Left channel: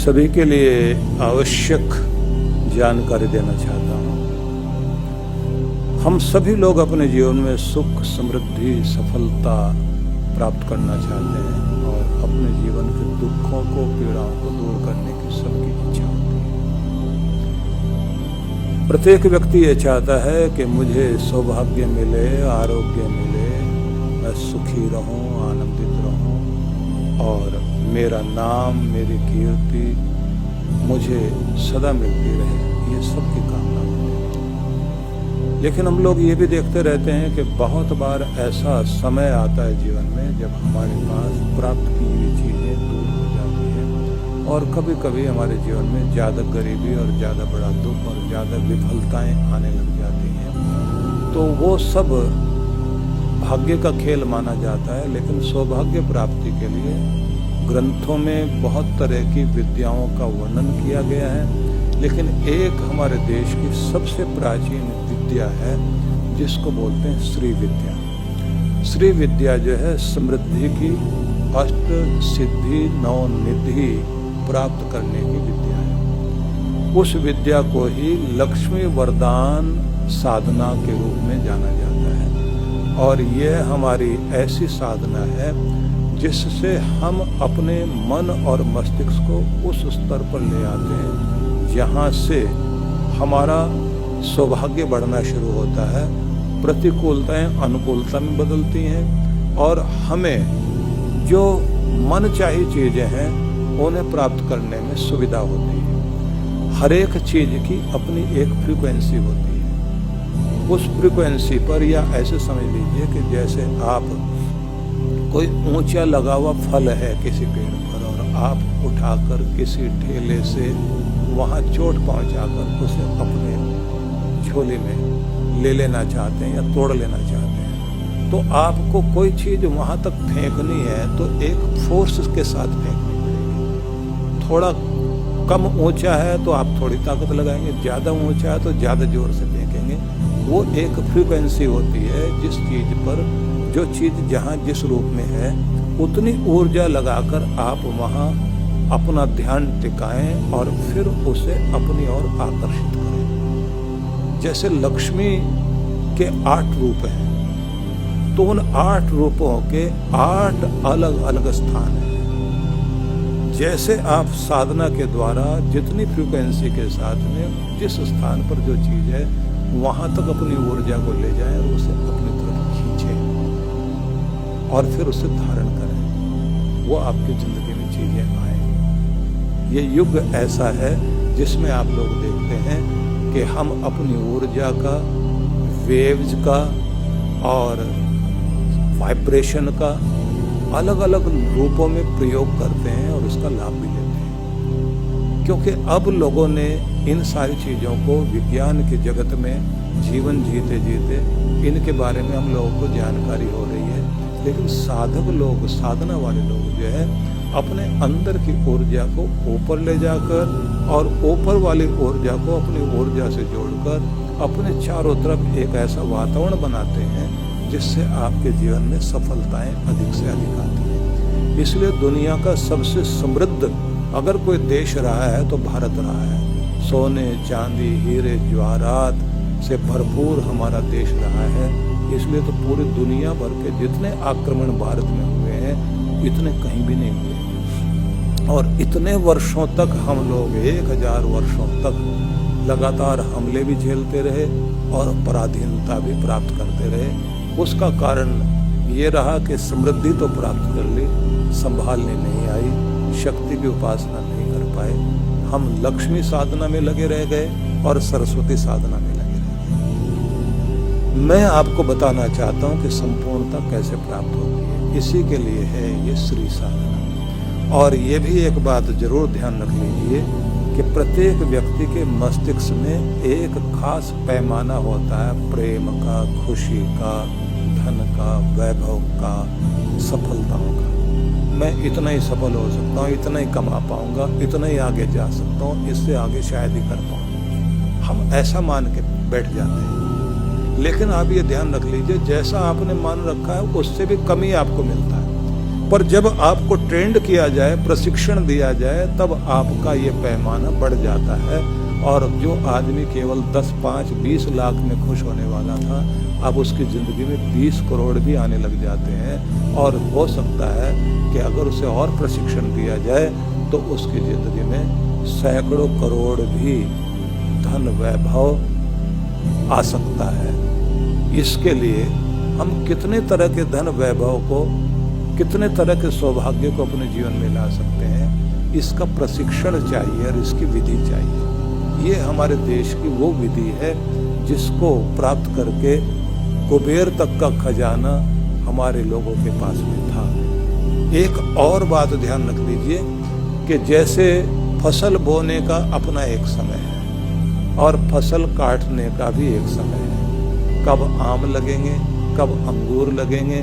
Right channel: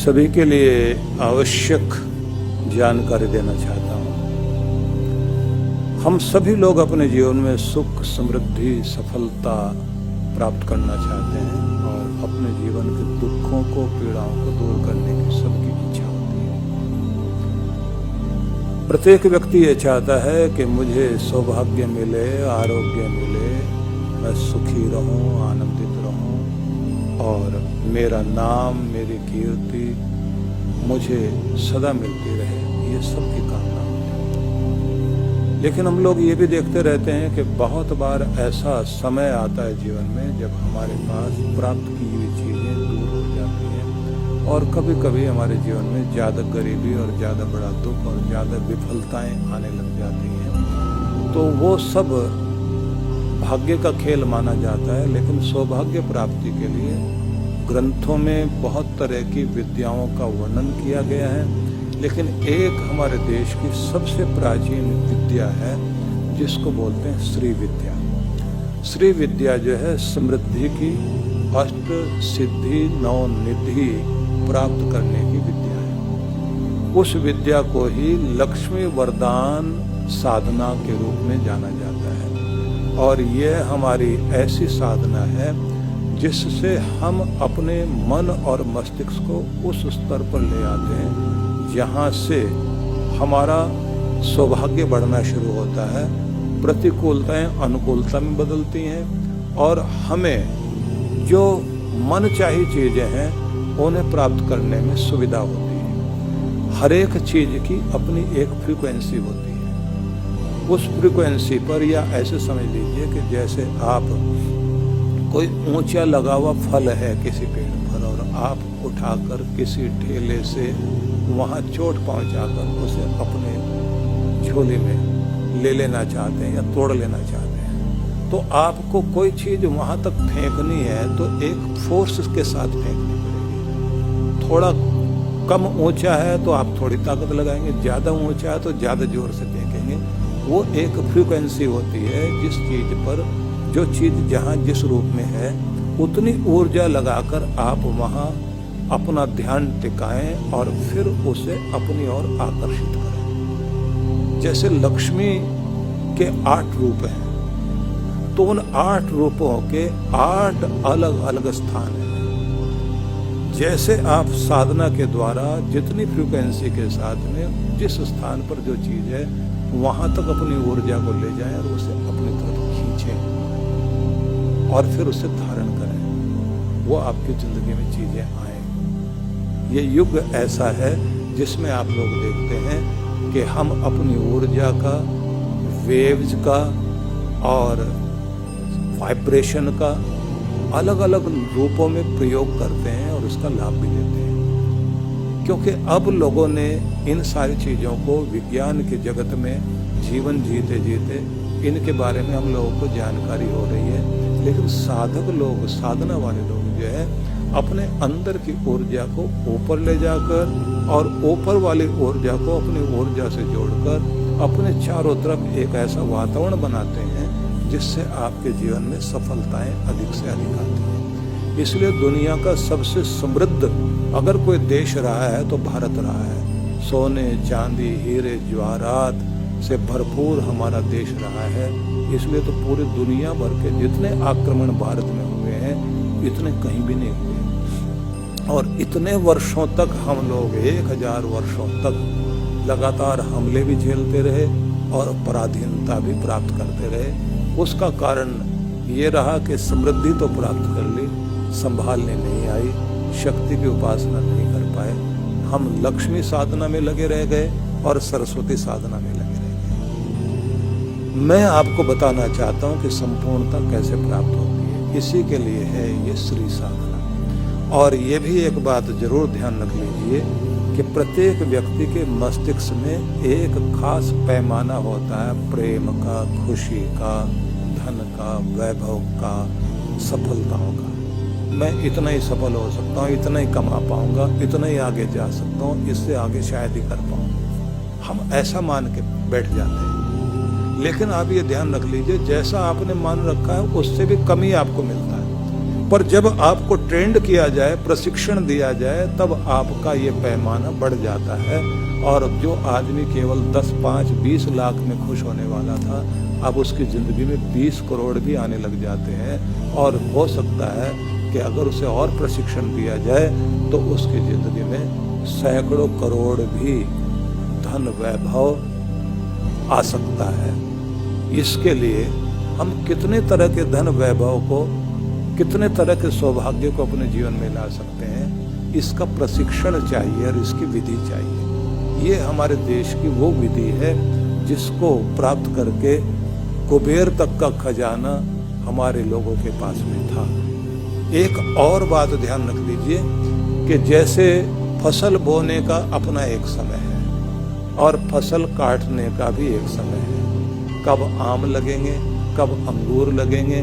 सभी के लिए आवश्यक जानकारी देना चाहता हूँ। हम सभी लोग अपने जीवन में सुख, समृद्धि, सफलता प्राप्त करना चाहते हैं और अपने जीवन के दुखों को, पीड़ाओं को दूर करने की सबकी इच्छा होती है। प्रत्येक व्यक्ति ये चाहता है कि मुझे सौभाग्य मिले, आरोग्य मिले, मैं सुखी रहूं, आनंदित रहूं और मेरा नाम, मेरी कीर्ति मुझे सदा मिलती रहे, ये सबकी कामना होती है। लेकिन हम लोग ये भी देखते रहते हैं कि बहुत बार ऐसा समय आता है जीवन में जब हमारे पास प्राप्त की हुई चीजें दूर हो जाती हैं और कभी कभी हमारे जीवन में ज्यादा गरीबी और ज्यादा बड़ा दुख और ज्यादा विफलताएं आने लग जाती हैं। तो वो सब भाग्य का खेल माना जाता है। लेकिन सौभाग्य प्राप्ति के लिए ग्रंथों में बहुत तरह की विद्याओं का वर्णन किया गया है, लेकिन एक हमारे देश की सबसे प्राचीन विद्या है जिसको बोलते हैं श्री विद्या। श्री विद्या जो है समृद्धि की, अष्ट सिद्धि नौ निधि प्राप्त करने की विद्या है। उस विद्या को ही लक्ष्मी वरदान साधना के रूप में जाना जाता है और यह हमारी ऐसी साधना है जिससे हम अपने मन और मस्तिष्क को उस स्तर पर ले आते हैं जहाँ से हमारा सौभाग्य बढ़ना शुरू होता है, प्रतिकूलताएं अनुकूलता में बदलती हैं और हमें जो मन चाही चीजें हैं उन्हें प्राप्त करने में सुविधा होती है। हर एक चीज की अपनी एक फ्रीक्वेंसी होती है। उस फ्रीक्वेंसी पर, या ऐसे समझ लीजिए कि जैसे आप कोई ऊंचा लगा हुआ फल है किसी पेड़ पर और आप उठाकर किसी ठेले से वहां चोट पहुंचाकर उसे अपने झोले में ले लेना चाहते हैं या तोड़ लेना चाहते हैं, तो आपको कोई चीज वहां तक फेंकनी है तो एक फोर्स के साथ फेंकनी पड़ेगी। थोड़ा कम ऊंचा है तो आप थोड़ी ताकत लगाएंगे, ज्यादा ऊंचा है तो ज्यादा जोर से फेंकेंगे। वो एक फ्रीक्वेंसी होती है जिस चीज पर, जो चीज जहां जिस रूप में है उतनी ऊर्जा लगाकर आप वहां अपना ध्यान टिकाएं और फिर उसे अपनी ओर आकर्षित करें। जैसे लक्ष्मी के 8 रूप हैं तो उन 8 रूपों के 8 अलग अलग स्थान हैं। जैसे आप साधना के द्वारा जितनी फ्रीक्वेंसी के साथ में जिस स्थान पर जो चीज है वहां तक अपनी ऊर्जा को ले जाएं और उसे अपनी तरफ खींचें और फिर उसे धारण करें, वो आपकी जिंदगी में चीजें आए। ये युग ऐसा है जिसमें आप लोग देखते हैं कि हम अपनी ऊर्जा का, वेव्स का और वाइब्रेशन का अलग अलग रूपों में प्रयोग करते हैं और उसका लाभ भी लेते हैं, क्योंकि अब लोगों ने इन सारी चीजों को विज्ञान के जगत में जीवन जीते जीते इनके बारे में हम लोगों को जानकारी हो रही है। लेकिन साधक लोग, साधना वाले लोग जो है अपने अंदर की ऊर्जा को ऊपर ले जाकर और ऊपर वाली ऊर्जा को अपनी ऊर्जा से जोड़कर अपने चारों तरफ एक ऐसा वातावरण बनाते हैं जिससे आपके जीवन में सफलताएं अधिक से अधिक आती हैं। इसलिए दुनिया का सबसे समृद्ध अगर कोई देश रहा है तो भारत रहा है। सोने, चांदी, हीरे, जवाहरात से भरपूर हमारा देश रहा है। इसलिए तो पूरी दुनिया भर के जितने आक्रमण भारत में हुए हैं इतने कहीं भी नहीं हुए और इतने वर्षों तक हम लोग 1000 वर्षों तक लगातार हमले भी झेलते रहे और पराधीनता भी प्राप्त करते रहे। उसका कारण ये रहा कि समृद्धि तो प्राप्त कर ली, संभालने नहीं आई, शक्ति की उपासना नहीं कर पाए। हम लक्ष्मी साधना में लगे रह गए और सरस्वती साधना में लगे रह गए। मैं आपको बताना चाहता हूं कि संपूर्णता कैसे प्राप्त होती है। इसी के लिए है ये श्री साधना। और ये भी एक बात जरूर ध्यान रख लीजिए कि प्रत्येक व्यक्ति के मस्तिष्क में एक खास पैमाना होता है प्रेम का, खुशी का, धन का, वैभव का, सफलताओं का। मैं इतना ही सफल हो सकता हूँ, इतना ही कमा पाऊंगा, इतना ही आगे जा सकता हूँ, इससे आगे शायद ही कर पाऊंगा। हम ऐसा मान के बैठ जाते हैं। लेकिन आप ये ध्यान रख लीजिए, जैसा आपने मान रखा है उससे भी कम ही आपको मिलता है। पर जब आपको ट्रेंड किया जाए, प्रशिक्षण दिया जाए, तब आपका ये पैमाना बढ़ जाता है। और जो आदमी केवल 10, 5, 20 लाख में खुश होने वाला था, अब उसकी जिंदगी में 20 करोड़ भी आने लग जाते हैं। और हो सकता है कि अगर उसे और प्रशिक्षण दिया जाए तो उसकी जिंदगी में सैकड़ों करोड़ भी धन वैभव आ सकता है। इसके लिए हम कितने तरह के धन वैभव को, कितने तरह के सौभाग्य को अपने जीवन में ला सकते हैं, इसका प्रशिक्षण चाहिए और इसकी विधि चाहिए। ये हमारे देश की वो विधि है जिसको प्राप्त करके कुबेर तक का खजाना हमारे लोगों के पास में था। एक और बात ध्यान रख लीजिए कि जैसे फसल बोने का अपना एक समय है और फसल काटने का भी एक समय है। कब आम लगेंगे, कब अंगूर लगेंगे,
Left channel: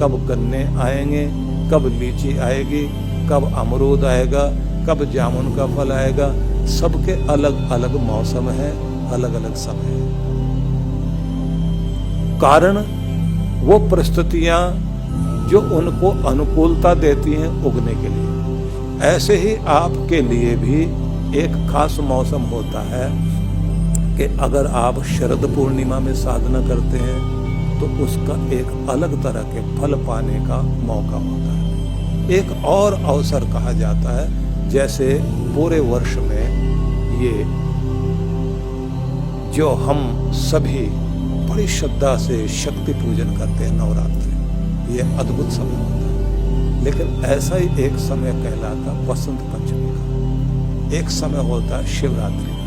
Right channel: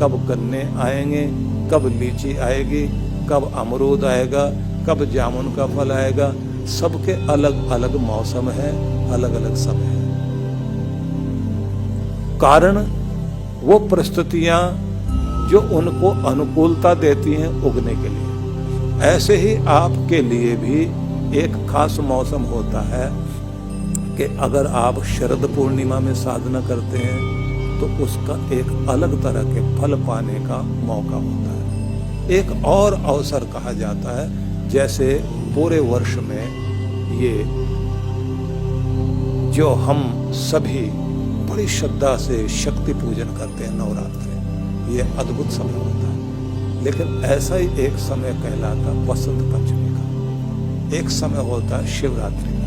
कब गन्ने आएंगे, कब लीची आएगी, कब अमरूद आएगा, कब जामुन का फल आएगा, सबके अलग अलग मौसम है, अलग अलग समय है। कारण वो परिस्थितियां जो उनको अनुकूलता देती हैं उगने के लिए। ऐसे ही आपके लिए भी एक खास मौसम होता है कि अगर आप शरद पूर्णिमा में साधना करते हैं तो उसका एक अलग तरह के फल पाने का मौका होता है। एक और अवसर कहा जाता है, जैसे पूरे वर्ष में ये जो हम सभी बड़ी श्रद्धा से शक्ति पूजन करते हैं, नवरात्रि, ये अद्भुत समय होता है। लेकिन ऐसा ही एक समय कहलाता बसंत पंचमी का, एक समय होता है शिवरात्रि का।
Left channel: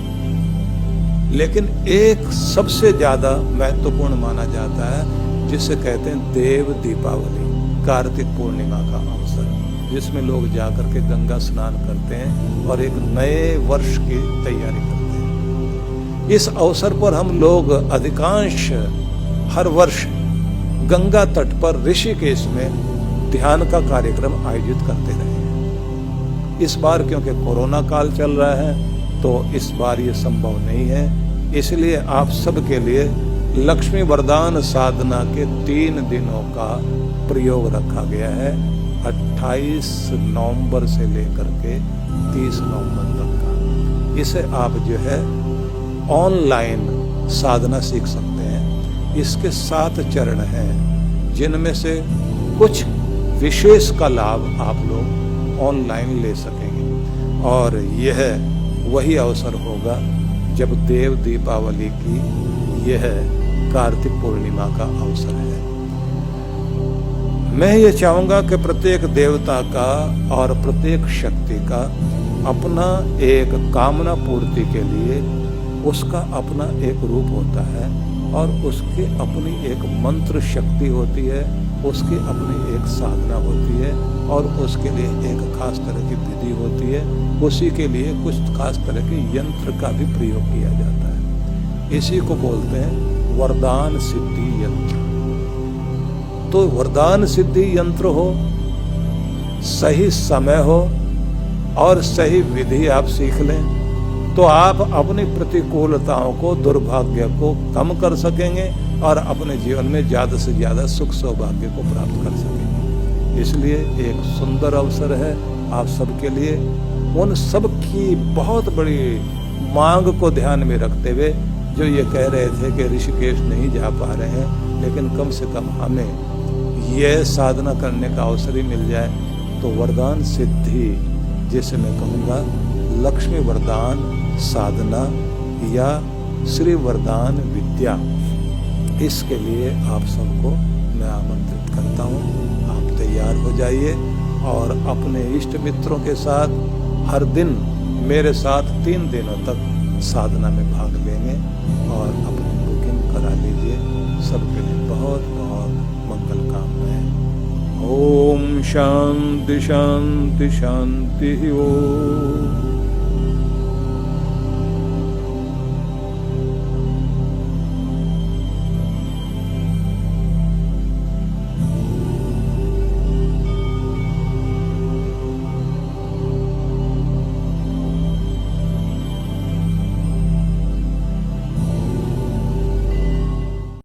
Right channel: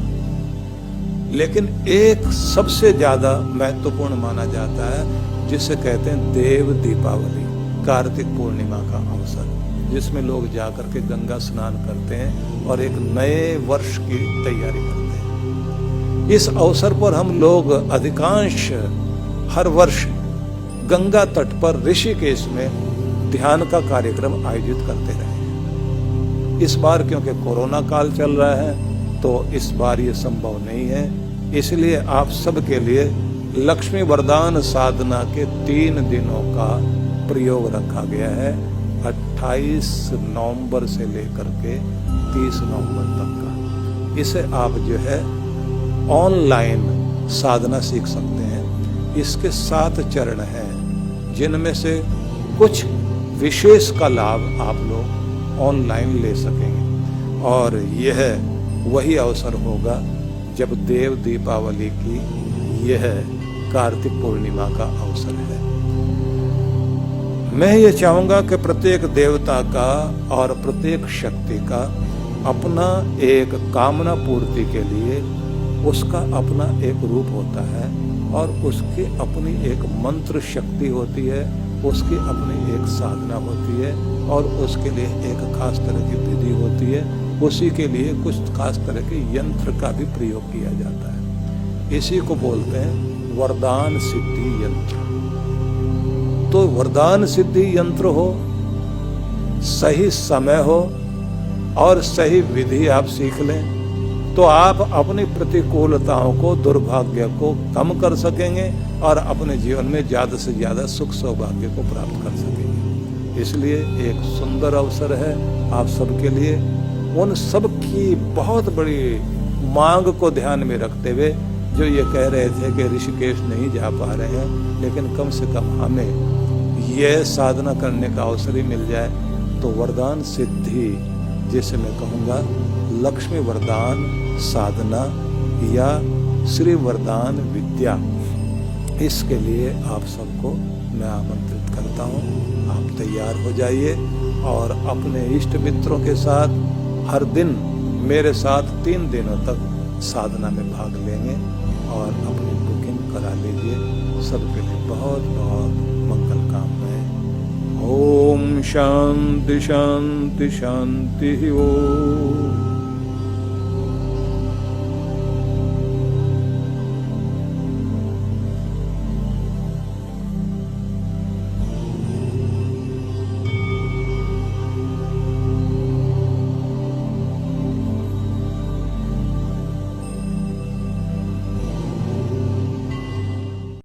लेकिन एक सबसे ज्यादा महत्वपूर्ण माना जाता है जिसे कहते हैं देव दीपावली, कार्तिक पूर्णिमा का अवसर, जिसमें लोग जाकर के गंगा स्नान करते हैं और एक नए वर्ष की तैयारी करते हैं। इस अवसर पर हम लोग अधिकांश हर वर्ष गंगा तट पर ऋषिकेश में ध्यान का कार्यक्रम आयोजित करते रहे हैं। इस बार क्योंकि कोरोना काल चल रहा है तो इस बार ये संभव नहीं है, इसलिए आप सबके लिए लक्ष्मी वरदान साधना के 3 दिनों का प्रयोग रखा गया है, 28 नवंबर से लेकर के 30 नवंबर तक का। इसे आप जो है ऑनलाइन साधना सीख सकते हैं। इसके 7 चरण हैं जिनमें से कुछ विशेष का लाभ आप लोग ऑनलाइन ले सकेंगे। और यह वही अवसर होगा जब देव दीपावली की यह कार्तिक पूर्णिमा का अवसर है। मैं ये चाहूंगा कि प्रत्येक देवता का और प्रत्येक शक्ति का अपना एक कामना पूर्ति के लिए उसका अपना एक रूप होता है और उसकी अपनी एक मंत्र शक्ति होती है, उसकी अपनी एक साधना होती है और उसके लिए एक खास तरह की विधि होती है। उसी के लिए कुछ खास तरह के यंत्र का भी प्रयोग किया जाता है। इसी को बोलते हैं वरदान सिद्धि यंत्र। तो वरदान सिद्धि यंत्र हो, सही समय हो और सही विधि आप सीख लें तो आप अपनी प्रतिकूलताओं को, दुर्भाग्य को कम कर सकेंगे और अपने जीवन में ज्यादा से ज्यादा सुख सौभाग्य को प्राप्त कर सकेंगे। इसलिए एक सुंदर अवसर है आप सबके लिए। उन सब की बहुत बड़ी मांग को ध्यान में रखते हुए जो ये कह रहे थे कि ऋषिकेश नहीं जा पा रहे हैं, लेकिन कम से कम हमें यह साधना करने का अवसर ही मिल जाए तो वरदान सिद्धि, जिसे मैं कहूँगा लक्ष्मी वरदान साधना या श्री वरदान विद्या, इसके लिए आप सबको मैं आमंत्रित करता हूँ। आप तैयार हो जाइए और अपने इष्ट मित्रों के साथ हर दिन मेरे साथ 3 दिनों तक साधना में भाग लेंगे और अपनी बुकिंग करा लीजिए। सबके लिए बहुत बहुत मंगल कामनाएं। ओम शांति शांति शांति ओम।